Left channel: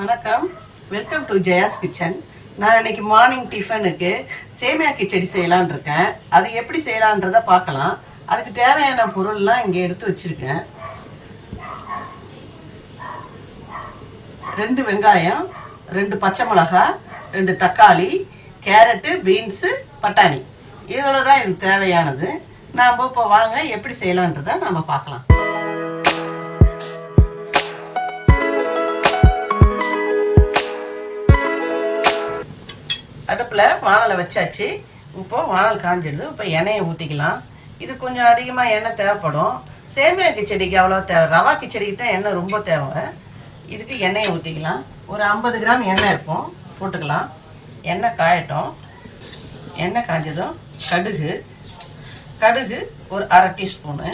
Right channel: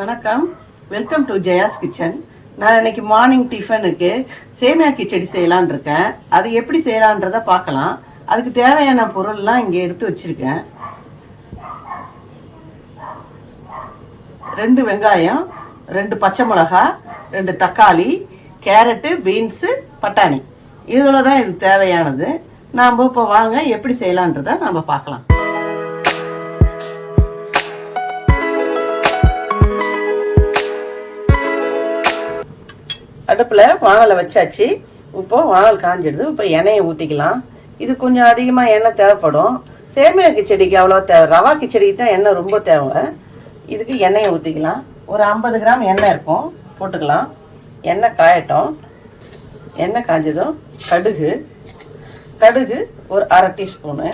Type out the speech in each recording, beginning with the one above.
வணக்கம், welcome to Jaya's kitchen. நான் இன்னைக்கு மார்னிங் டிஃபனுக்கு சேமியா கிச்சடி செய்யலான் இருக்கேன். அது எப்படி செய்யலான்றத பார்க்கலாம். அதுக்கு தேவையான பொருள்லாம் இங்கே எடுத்து வச்சிருக்கேன். 2 வெங்காயம், 2 பச்சை மிளகாய், 2 தக்காளி, கேரட்டு, பீன்ஸு, பட்டாணி, இவ்வளோ தான் இது தேவையானது. நாம் இப்போ வாங்க எப்படி செய்யலான்றதை நம்ம பார்க்கலாம். அடுப்பில் வானலை வச்சாச்சு. இப்போ வானல் காஞ்சிடுது. இப்போ எண்ணெயை ஊற்றிக்கலாம். இது கொஞ்சம் அதிகமாக எண்ணெய் தேவைப்படும். சேமியா கிச்சடிக்கு அவ்வளோ தேவை, ரவா கிச்சடிக்கு தான் எண்ணெய் ரொம்ப தேவை. இதுக்கு எண்ணெயை ஊற்றிக்கலாம். ஒரு 50 கிராம் எண்ணெய் இருக்கும், போட்டுக்கலாம். எண்ணெய் காயட்டும். எண்ணெய் காஞ்சதும் கடுகு ஒரு 1/2 டீஸ்பூனு.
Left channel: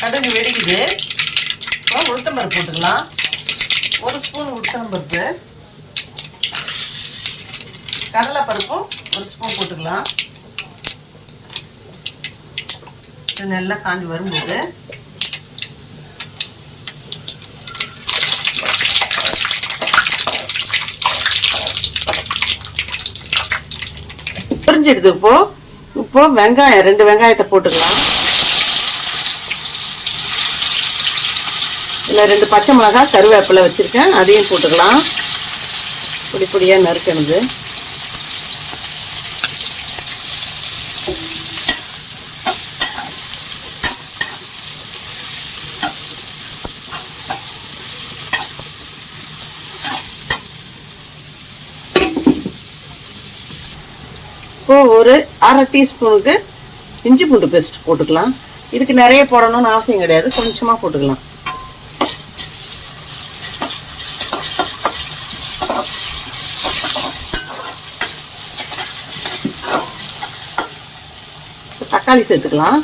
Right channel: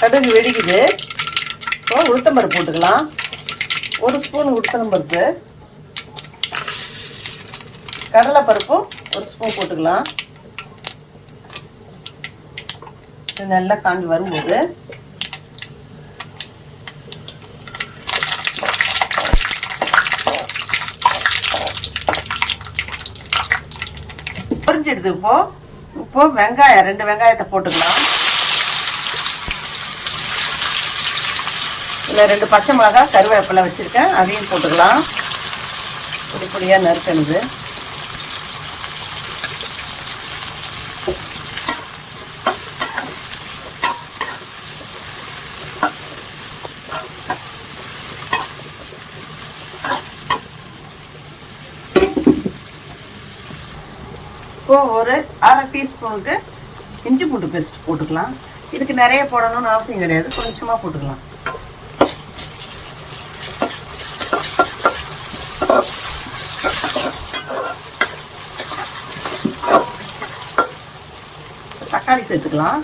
கடுகு வெடிக்குது. இப்போ உளுத்தம்பருப்பு போட்டுக்கலாம். 1 ஸ்பூன் உளுத்தம்பருப்பு. கடலைப்பருப்பும் 1 ஸ்பூன் போட்டுக்கலாம். இது நல்லா காஞ்சி வரும்போது புரிஞ்சிடுது. இப்போ வெங்காயம் 2 வெங்காயத்தை போட்டுக்கலாம். இல்லை 2 பச்சை மிளகாய், கருவேப்பிலை வச்சுருக்கேன், அதையும் போட்டுக்கலாம். பொடியாக நறுக்கணுது. இப்போ ஒரு 1/2 டீஸ்பூனுக்கு இஞ்சி பூண்டு பேஸ்ட் போட்டுக்கலாம். இதுக்கு நிறைய போடணும்னு அவசியம் கிடையாது, கொஞ்சமாக போட்டுக்கலாம். தக்காளி சேர்த்துக்கலாம்.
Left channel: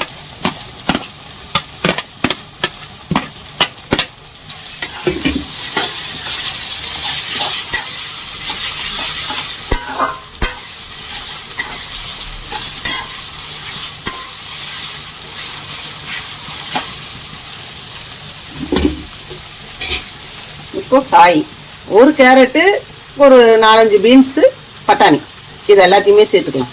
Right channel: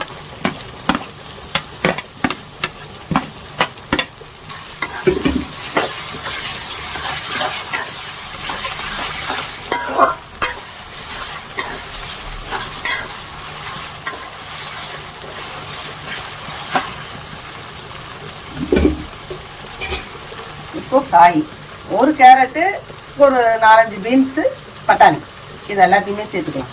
இப்போ காய், ஒரு கேரட்டு, ஒரு 4-5 பீன்ஸு, பட்டாணி, இது எல்லாத்தையுமே சேர்த்துக்கலாம்.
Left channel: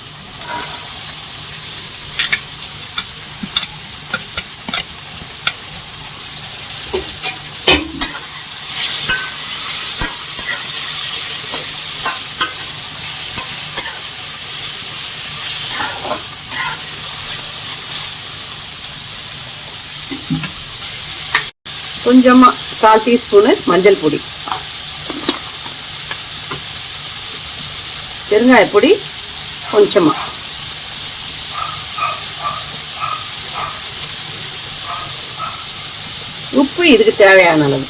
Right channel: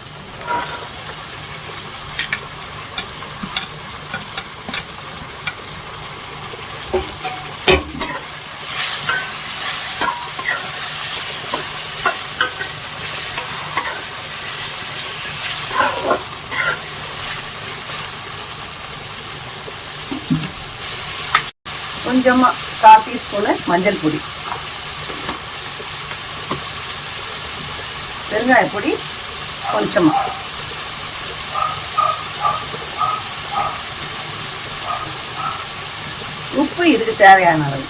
கொஞ்சமாக 1/4 டீஸ்பூனு மஞ்சள் பொடி, பெருங்காய பொடி கொஞ்சமாக, உப்பு இதுக்கு தேவையான அளவு.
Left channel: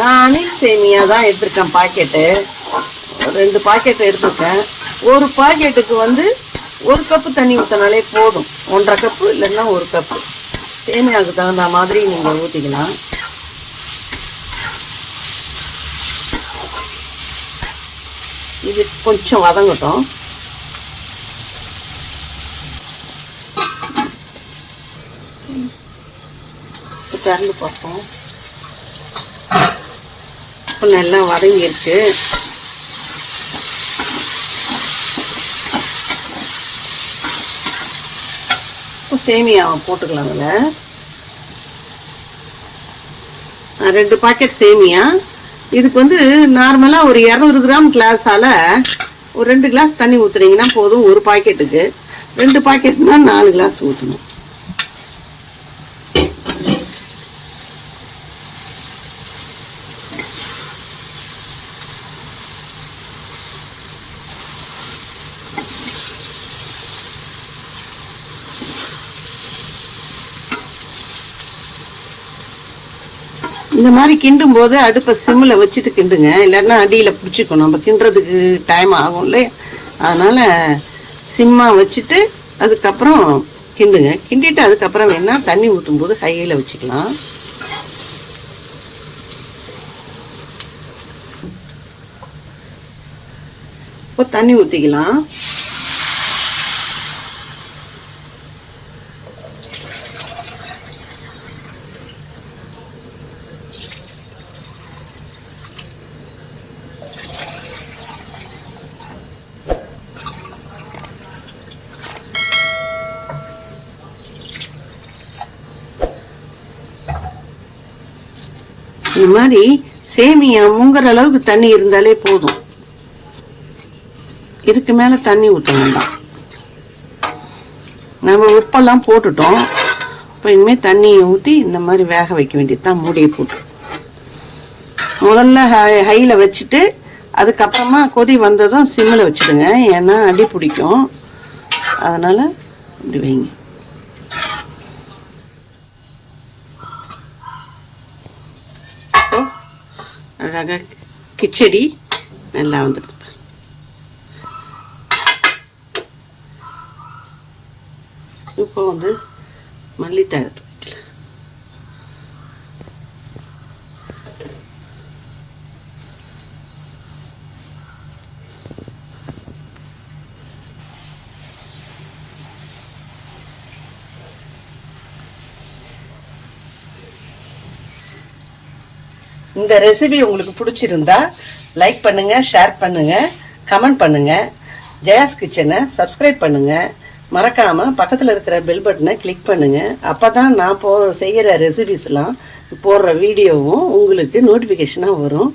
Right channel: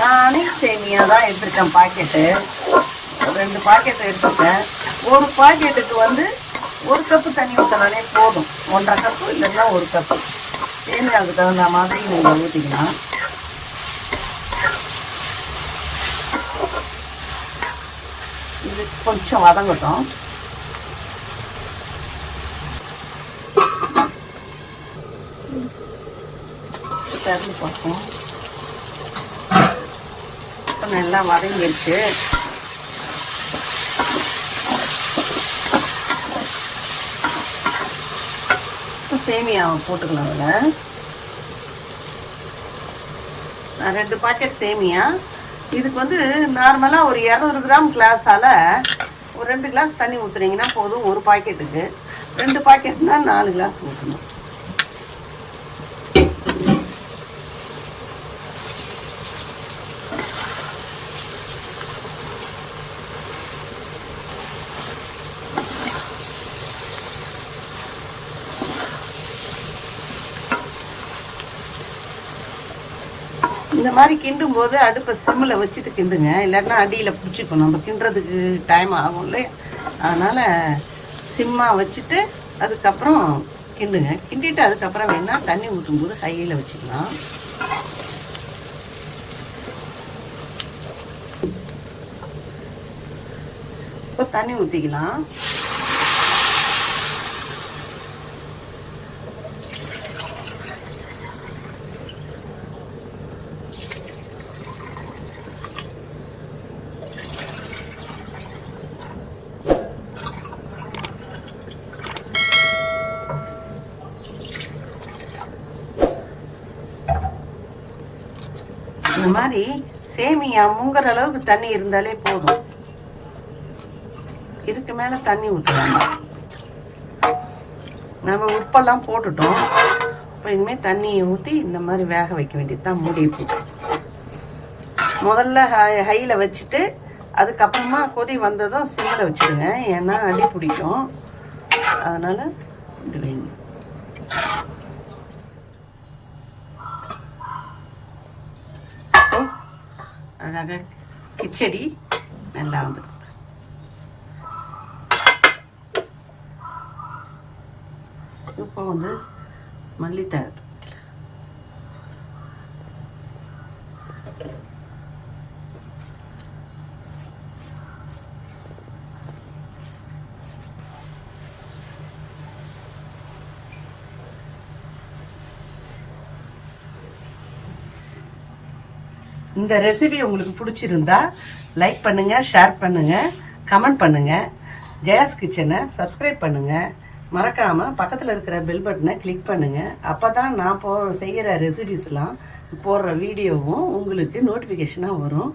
நானே சேமியா தான் எடுத்துருக்கேன். பாக்கெட்டு 2 பாக்கெட் எடுத்துருக்கேன். ஒரு பாக்கெட்டுக்கு 1 கப்பு தண்ணி ஊற்றினாலே போதும். 1/2 கப்பு இல்லைன்னா 1 கப்பு. சேமியாவுக்கு தகுந்த மாதிரி நீங்கள் ஊற்றிக்கலாம். இது கொஞ்சம் வதங்கட்டும். திறந்து பார்ப்போம். இப்போ நல்லா வதங்கிருக்கு. சேமியாவை போட்டுக்கலாம். அதில் 2 பாக்கெட் சேமியா. இதுக்கு நார்மலாக ஒரு 200 கிராம் கிளாஸால் ஒரு 2 கிளாஸ் தண்ணி ஊற்றுனீங்கன்னா போதும். ஒரு பாக்கெட்டுக்கு 2 பாக்கெட்னா 4 கிளாஸ் ஊற்றணும். இந்த மாதிரி கிண்டும் போது அடுப்பை சிம்மில் வச்சுட்டு கிண்டுங்க, இல்லைன்னா அடியில் பிடிச்சிக்கணும். நம்ம கிண்டுறதுக்கு டைம் ஆகும் இல்லையா, அதனால் சிம்மாக வச்சுட்டு அதுக்கப்புறம் கிண்டுங்க. கிண்டிட்டு அதுக்கப்புறம் வேணால் தண்ணி ஊற்றும் போது ஹையில் வச்சுக்கலாம். இப்போ தண்ணி ஊற்றிக்கலாம். இந்த மாதிரி சேமியா முங்குற அளவுக்கு தண்ணி இருந்தாலே போதும். இதுக்கு மேல தண்ணி ஊற்ற வேண்டாம். நம்ம உப்பெல்லாம் போட்டுட்டோம். இப்போ இனிமேல் தண்ணியை ஊற்றி இந்த மாதிரி வேக வைக்க வேண்டியதுதான். மூடியை போட்டு முதல்ல ஹையில் வச்சுட்டு அதுக்கப்புறமா கொதி வந்ததும் சிம்மில் வச்சுடுங்க. ஏன்னா அடி பிடிக்கும். அதனால் இப்படி வைங்க. அழகாக கிச்சடி நல்லா வந்துடுது. இப்போ வந்து மல்லித்தழை வைக்கலாம். இந்த ரெசிபி உங்களுக்கு பிடிச்சிருந்தா லைக் பண்ணுங்க, ஷேர் பண்ணுங்க, கமெண்ட் பண்ணுங்க. ஜெயாஸ் கிச்சனை சப்ஸ்கிரைப் பண்ணுங்க. மறக்காம பக்கத்தில் இருக்கிற பெல் பட்டனை கிளிக் பண்ணுங்க. அப்பதான் நான் செய்கிற ரெசிபிஸ்லாம் போடுற வீடியோவும் உங்களுக்கு நோட்டிஃபிகேஷனாக வரும்.